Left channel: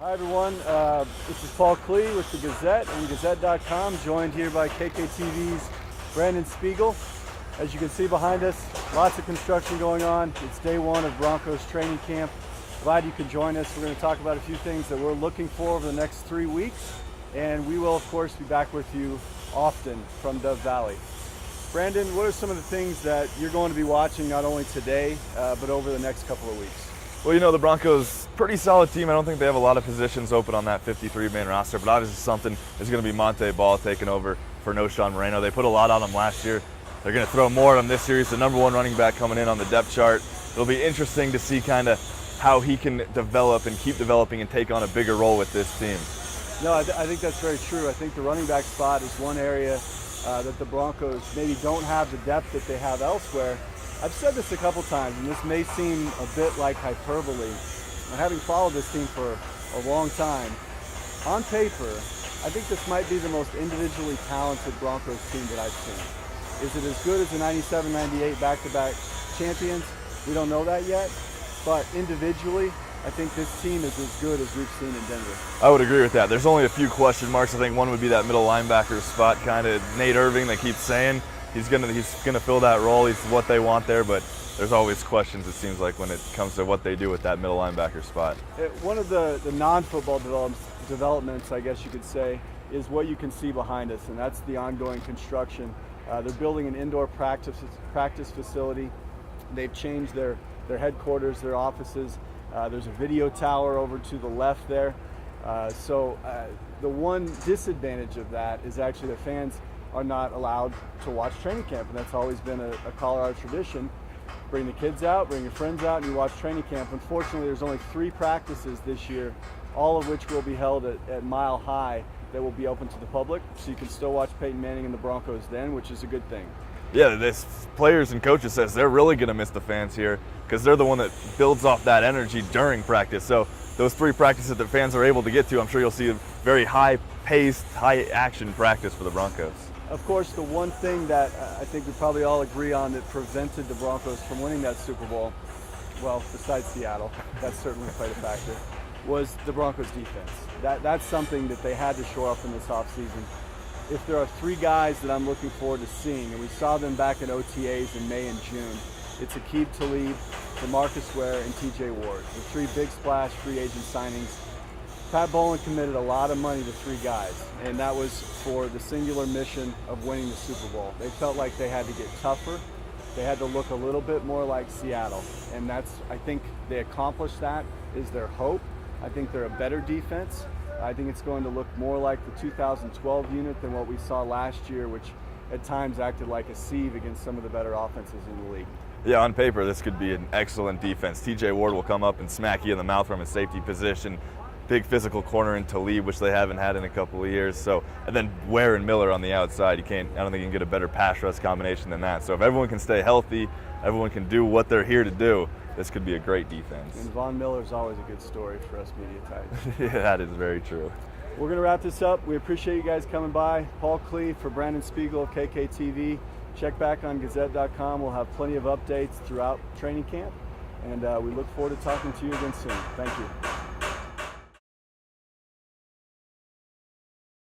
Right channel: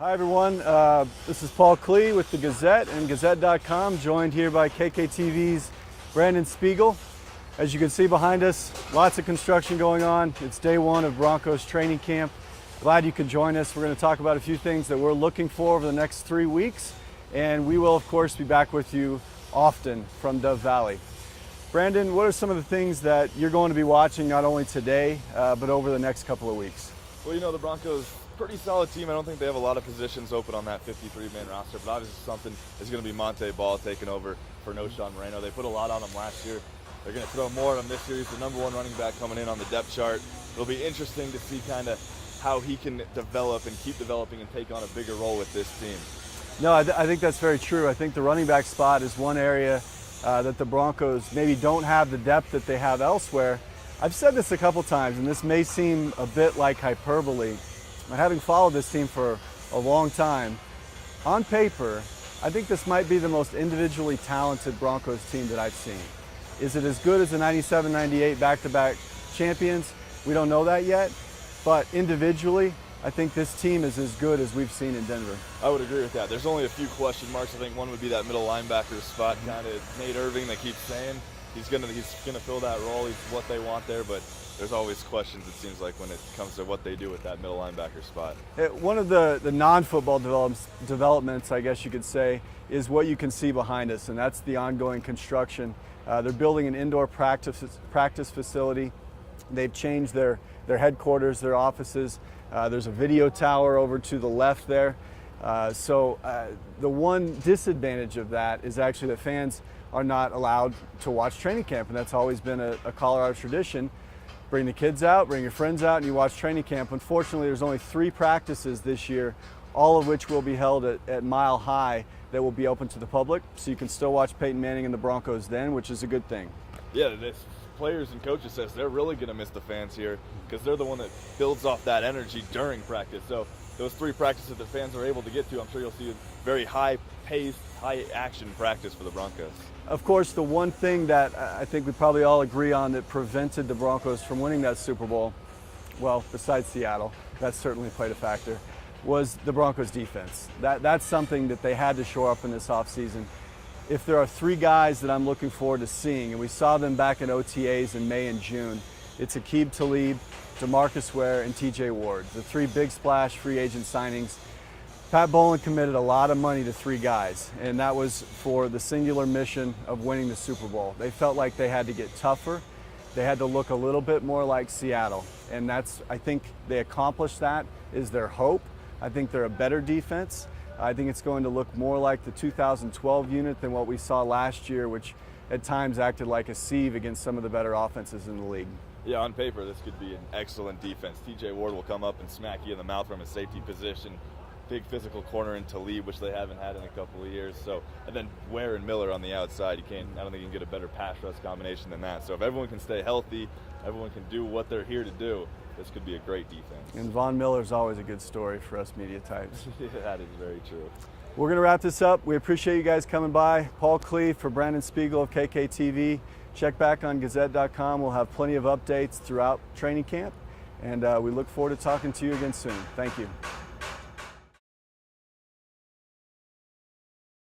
Hi everyone, this is Paul Klee with the Gazette and Gazette.com, joined here by KKTV's Brandon Spiegel. As you can see behind us, lots of construction going on. It's day one of Broncos training camp. Glad you could join us. We're going to talk about a few things that we're looking for over the next 3 weeks, and we will of course be back with you often from Dove Valley. Brandon, what are some of the things that you're going to be watching not only today, but over the next couple of weeks? Well, you know, the Broncos, pretty solid team. I don't think they have a lot of positions open on that 53-man roster, but obviously something is going to be Monte Ball taking over for No Sean Moreno. They put a lot on him last year. They're going to throw more at him this year. He's the number one running back coming in on the depth chart. It'll be interesting to see kind of how he can develop and keep developing and take on a bigger role with this team. No, I think that's very true. I think the running back spot is one area that the Broncos maybe don't have the depth that they have elsewhere. I've said this a couple times, and this may seem a bit like hyperbole. Having followed this team for a long time, on paper, I think this might be the most individually talented Broncos team that I've seen. Is it as good as the 97-98 back-to-back champions? We don't know that yet, but individually, I think this team is as good as we've seen in Denver. I would agree with that. There's only a few question marks. I think one would be that middle linebacker spot, kind of Nate Irving, they keep saying. He's gonna fill that role. He's what they want there, but there's always questions, it seems like, when it comes to what they do with that middle linebacker spot. One of the non-football developments, I guess you could say, is what you can see behind us, and that's the ongoing construction. They're building an indoor practice facility. They've changed their headquarters, their offices. There's a video tower over to the left there. So the one disadvantage of that is actually the fans are not allowed to watch training camp, and that's always been a Colorado tradition. Bring the kids out, bring your friends out, and you watch training camp. Unfortunately, there's only 3 practices this year, all of which will be held at Mile High, that will be open to the public, so you can still watch Peyton Manning and the Broncos then, which is a good thing. Yeah, this players and coaches says they're really going to miss the fans here because they're the one that builds off that energy during practice. So those 3 practices that the fans are able to get to, I'm sure you'll see a very high-paced, high-action practice for the Broncos. Of course, the one thing that I think we probably all agree on that prevented the Broncos from winning that Super Bowl, well, besides Seattle, that certainly played a factor, was the Broncos defense. That's something that they had to shore up in this offseason. If there are 3 guys that I'm looking forward to seeing, and we saw them back in OTAs in May and June, it's Aqib Talib, DeMarcus Ware, and TJ Ward, the 3 big splash free agent signings. Pat Bowlen committed a lot of money to 3 guys, and that was for the singular mission of winning the Super Bowl. They felt like they had to get tougher. They had to look a little bit more like Seattle, and I think they accomplished that, is their hope. I think they're a better defense. I think it's going to look more like the 2012 unit than what we saw last year, which at times acted like a sieve against some of the better offenses in the league. Yeah, on paper, this could be an excellent defense. TJ Ward will come up and smack you in the mouth from a safety position. Big physical corner in Talib, which they haven't had in a couple of years. So, and then Ware and Miller on the outside. I don't think you can get a better pass rush combination than that. So if everyone can stay healthy, everyone can do what they're here to do, this could be a great defense. And Von Miller's always a good story for us media types. Yeah, that is very true. We're going to wrap this up. We appreciate you guys coming by. Paul Klee for Brandon Spiegel of KKTV. Check back on Gazette.com. We'll have plenty of updates throughout training camp. And we look forward to talking to you again soon. Thank you.